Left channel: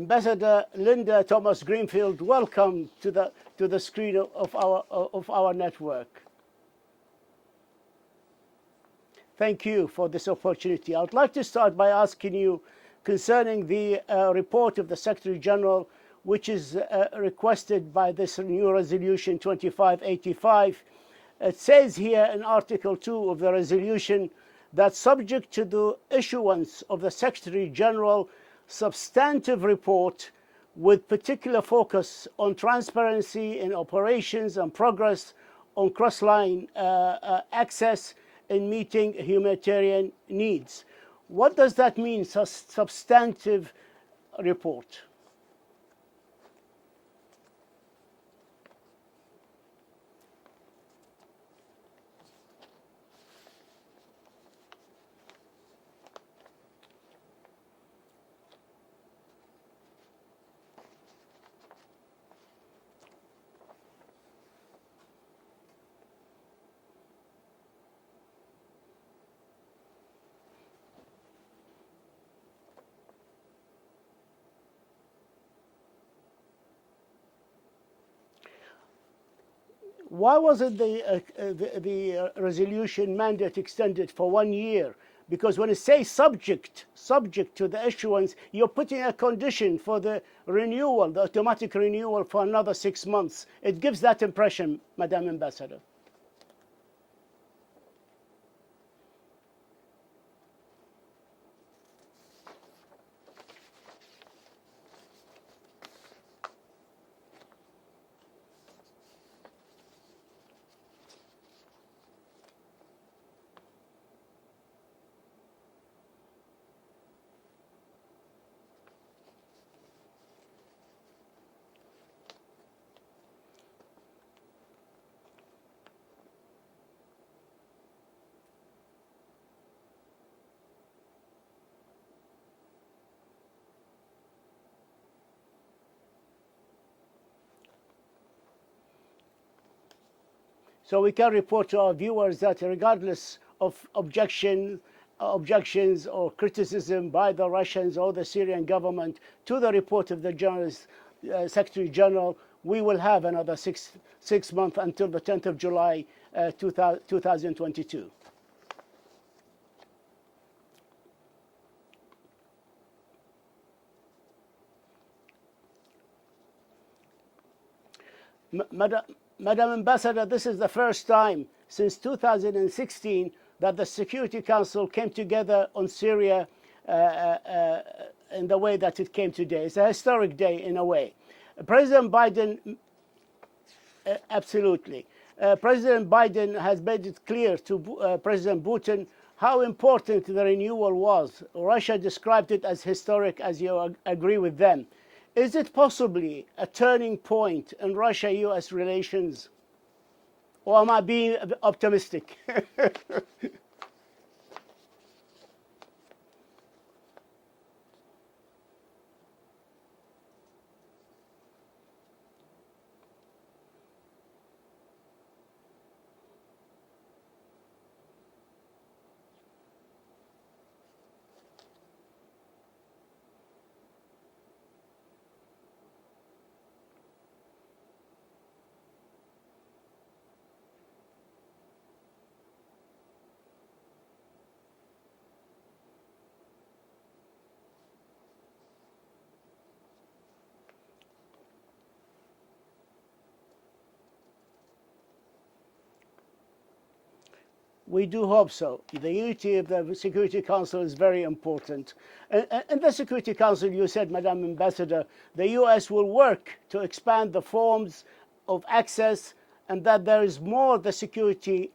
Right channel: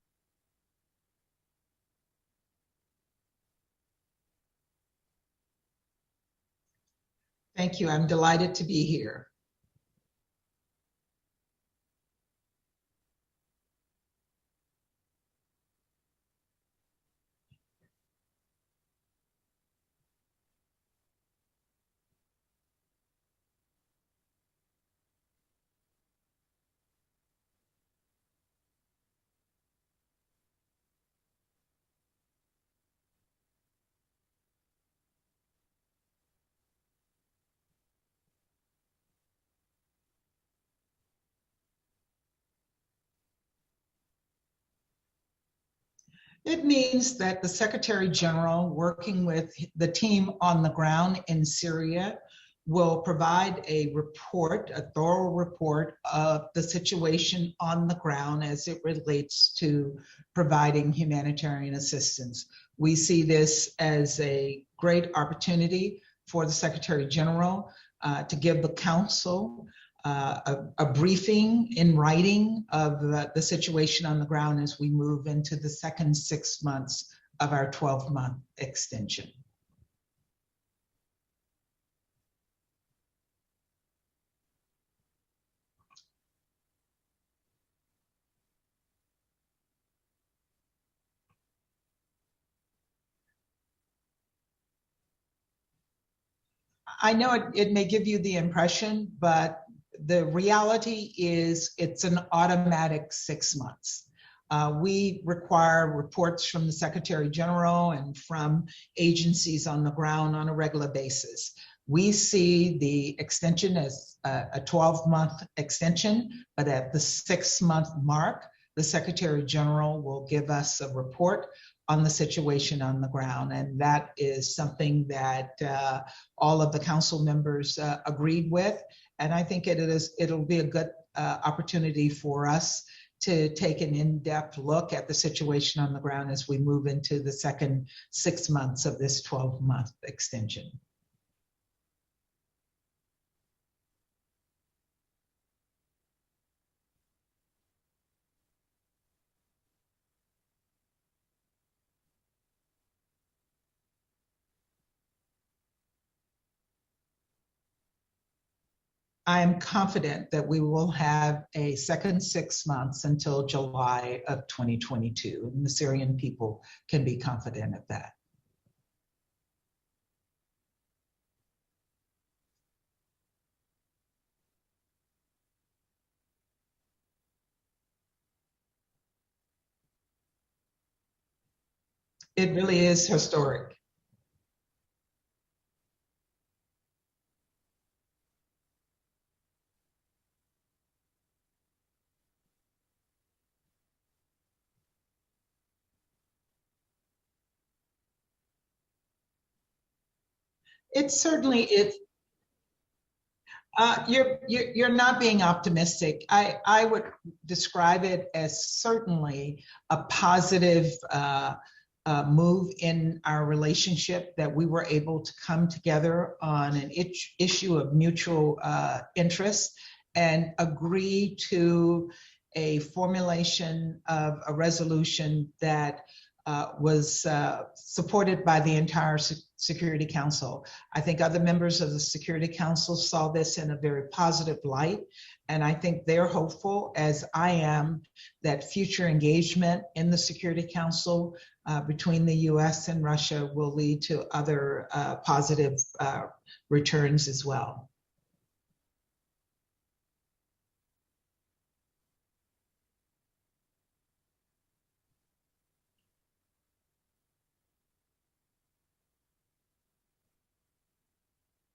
Ambassador Linda Thomas-Greenfield, welcome to the screen of our network. Thank you. I'm delighted to be here. Thank you for this opportunity. I would like to start by asking you concerning the report of the Secretary General, which is requested by this new resolution 2585. It says here in Article 2 of the resolution that subject to the issuance of the Secretary General substantive report with particular focus on transparency in operations and progress on cross-line access in meeting humanitarian needs. What does that mean, substantive report? It means that the Secretary General, working with the team on the ground in Syria, will provide a report, a thorough report of the situation on the ground as it relates to providing humanitarian assistance. We see this as a great opportunity for the Secretary General to give the Council a briefing in writing of the situation on the ground as we move into the second 6 months of our 12-month extension. Why wasn't the resolution mandate extended for 1 year? Because when it says subject to the issuance, you're putting a condition for the renewal, the automatic renewal for another 6 months. It gives that impression, Madam Ambassador. I know it may give you the impression, but the reality is it's an automatic 6 months. We require reports from the Secretary General and from agencies on the ground on a regular basis. We see the extension as a 12-month extension, but at the 6-month mark, the Secretary General will give us a report on the situation on the ground. And that is something that all of the Council members agreed with. And I think it'll be a good opportunity for us to take an in-depth look at the situation on the ground as we move into the second 6 months of this 12-month extension. So we can report to our viewers that regardless of objections or criticism by the Russians or the Syrian government to the report of the Secretary General, we will have another six months until the 10th of July 2022. I am confident that we will have a second 6 months until July of 2022, and the Syrian people can be confident of that. Madam Ambassador, this is the first time since 2016 that the Security Council came together on Syria in the way that it came today. It's a historic day in a way. President Biden... It really is historic. Absolutely. President Biden has made it clear to President Putin how important the renewal was. Russia described it as historic, as you agree with them. Is it possibly a turning point in Russia-US relations? Or am I being optimistic? You're not being optimistic. I would describe it as certainly a positive move in our relationship, that we were able to come together on an issue of mutual interest and agree to a formulation of a resolution that was supported by the entire Security Council. I think other members of the Security Council saw this in a very positive light, and I think they're hopeful, as I am, that future engagement in the Security Council between the US and Russia will lead to other positive returns as well. We do hope so. The unity of the Security Council is very important. In the Security Council, you said, Madam Ambassador, the US will work to expand the forms of access, and that there is more the Security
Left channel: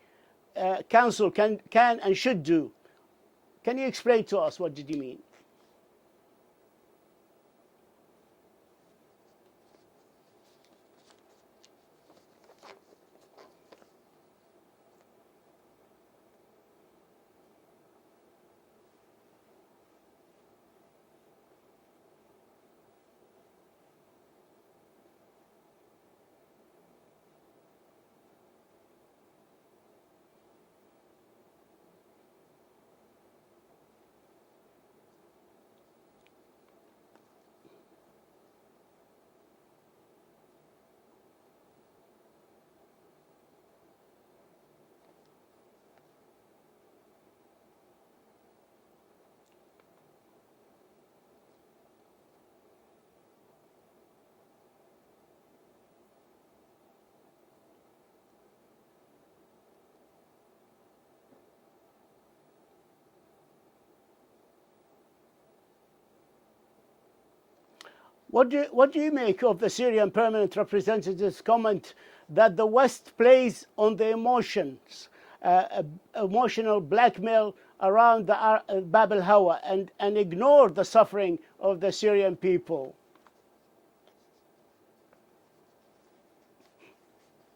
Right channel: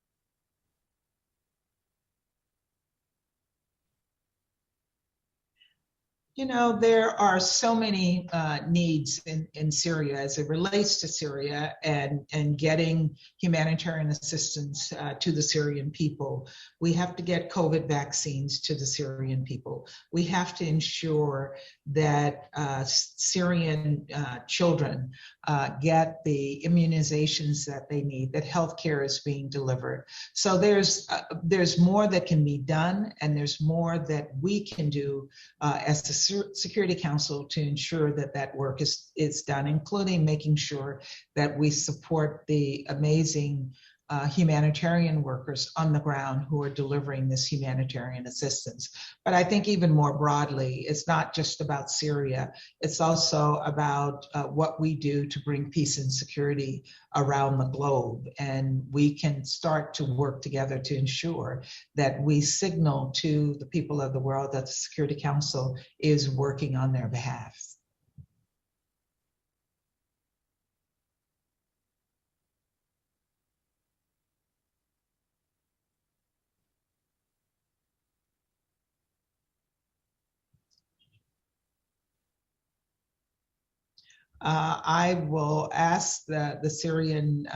Council can and should do. Can you explain to us what did you mean? You know, there are so many needs in Syria as it relates to Syria and getting humanitarian assistance to the Syrian people. We have to get COVID vaccines to the Syrian people. We have to ensure that Syrian children get the immunizations that they need, that healthcare is being delivered. So there's more that can be done, and there's more that we can do as the Security Council to ensure that that work is done, including making sure that we support the amazing humanitarian workers on the ground who are delivering this humanitarian assistance. But I think even more broadly, it's not just about Syria. It's also about what we do to bring peace and security around the globe. And we can start to work together to ensure that we signal to the people of the world that the Security Council is working on their behalf. What do you make of the Syrian permanent representative's comment that the West plays on the emotions, emotional blackmail around the Bab al-Hawa and ignore the suffering of the Syrian people? I will ask the Syrian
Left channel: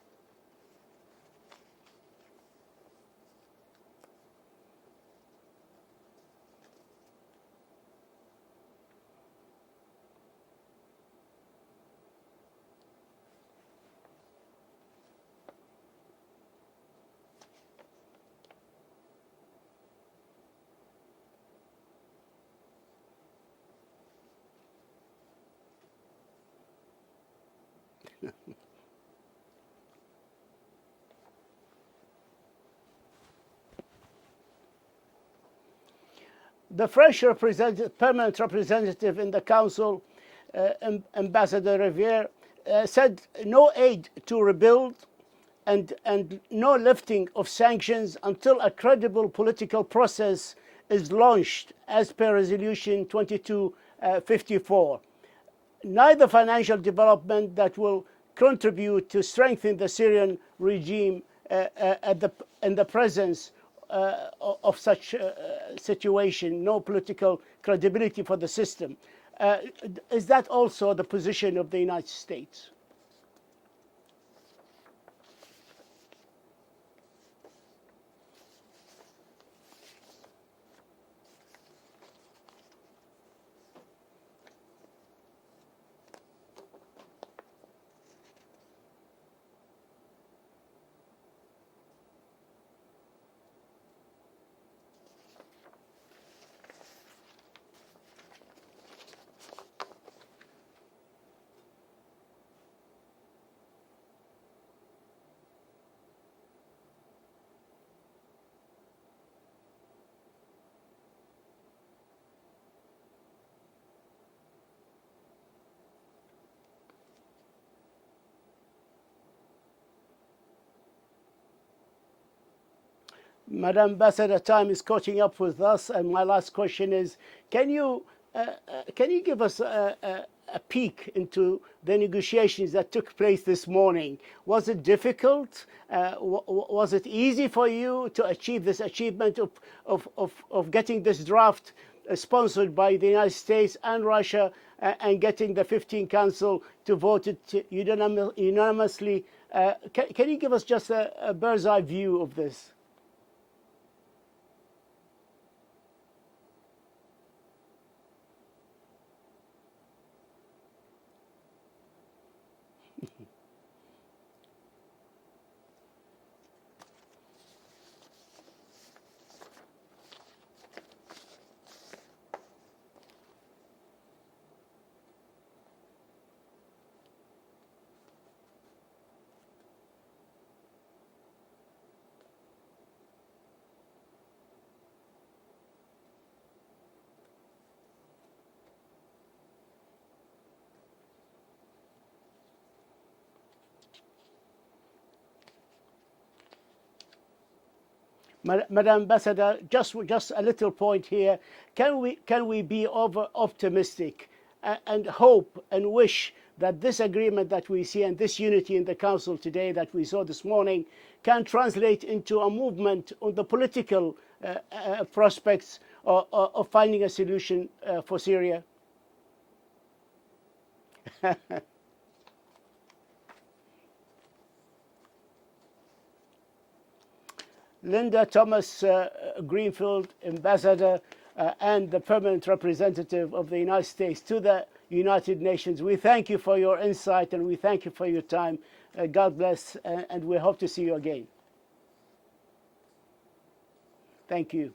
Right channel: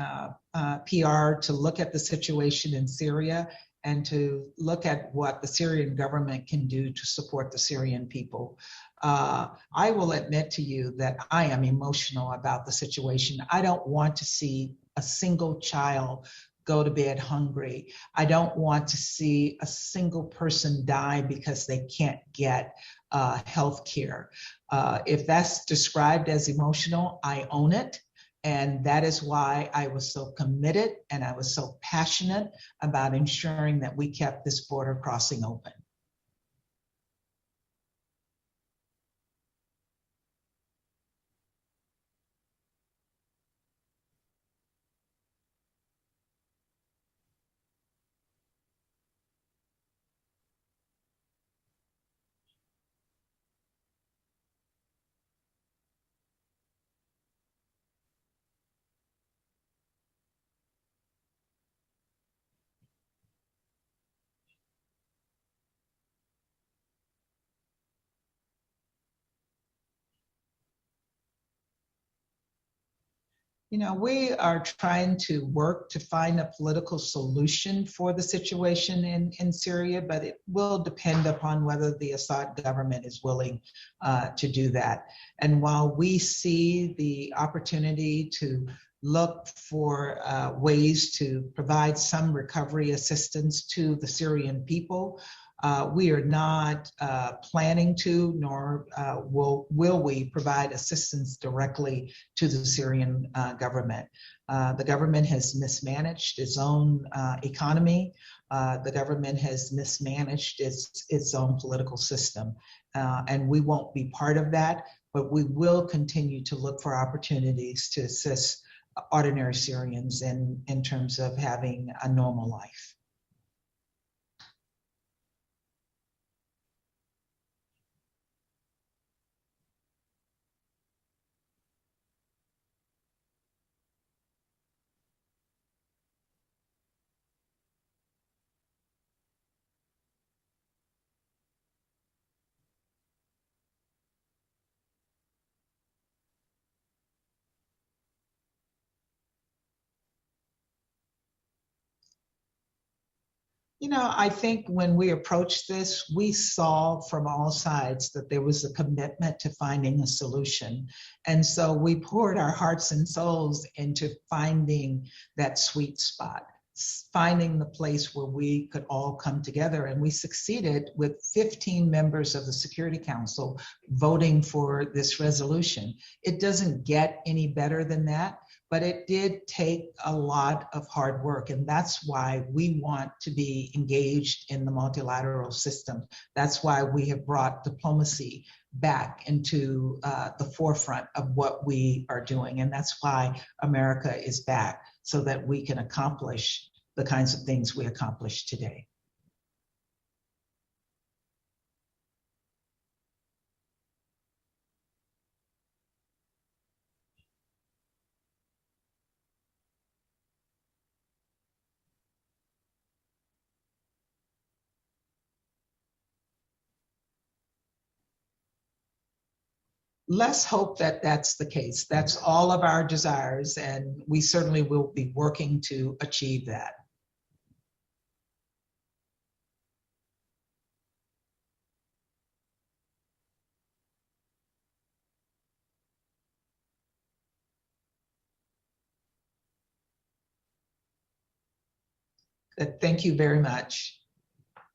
PR to look at the situation in Syria and to look at what the Syrian government can do to support the Syrian people. I will admit to you that I am emotional about the situation. I don't want to see a single child go to bed hungry. I don't want to see a single person die because they can't get health care. If that's described as emotional, I own it. And that is why I was so committed and I was so passionate about ensuring that we kept this border crossing open. The French permanent representative in the Council, Ambassador Riviere, said no aid to rebuild and no lifting of sanctions until a credible political process is launched as per Resolution 2254. Neither financial development that will contribute to strengthen the Syrian regime in the presence of such situation, no political credibility for the system. Is that also the position of the United States? You know, we are trying to work to find a political solution for the situation in Syria, but it will depend upon whether the Assad government is willing to do that. And while we see the opportunity to look for ways to provide some recovery assistance to the Syrian people, we are not planning to, nor will we provide assistance directly to the Syrian government. The government has mismanaged its own economy. The government has mismanaged its own political system. And we won't be part of that, but we will continue to look for opportunities to assist ordinary Syrians in terms of having a normal life. Madam Ambassador, time is catching up with us, and my last question is: Can you give us a peek into the negotiations that took place this morning? Was it difficult? Was it easy for you to achieve this achievement of getting this draft sponsored by the United States and Russia and getting the 15 Council to vote it unanimously? Can you give us just a bird's eye view of this? You know, I think when we approached this, we saw from all sides that there was a commitment to finding a solution. And so we poured our hearts and souls into finding that sweet spot, finding the place where we could all come together. And we succeeded with 15 members of the Security Council voting for this resolution. It doesn't get any better than that. But it did take a lot of hard work, and that's why we want to be engaged in the multilateral system. That's why we have brought diplomacy back into the forefront of what we are doing, and that's why America is back, so that we can accomplish the kinds of things we accomplished today. Madam Ambassador, just a little point here. Can we be optimistic and hope and wish that this agreement that we see and this unity in the Council today that we saw this morning can translate into a movement on the political prospects of finding a solution for Syria? Let's hope that that's the case. That's all of our desires, and we certainly will be working to achieve that. Linda Thomas-Greenfield, Ambassador, and the permanent representative of the United States to the United Nations. We thank you for your insight and we thank you for your time. God bless, and we hope to see you again. Thank you very much. Thank you.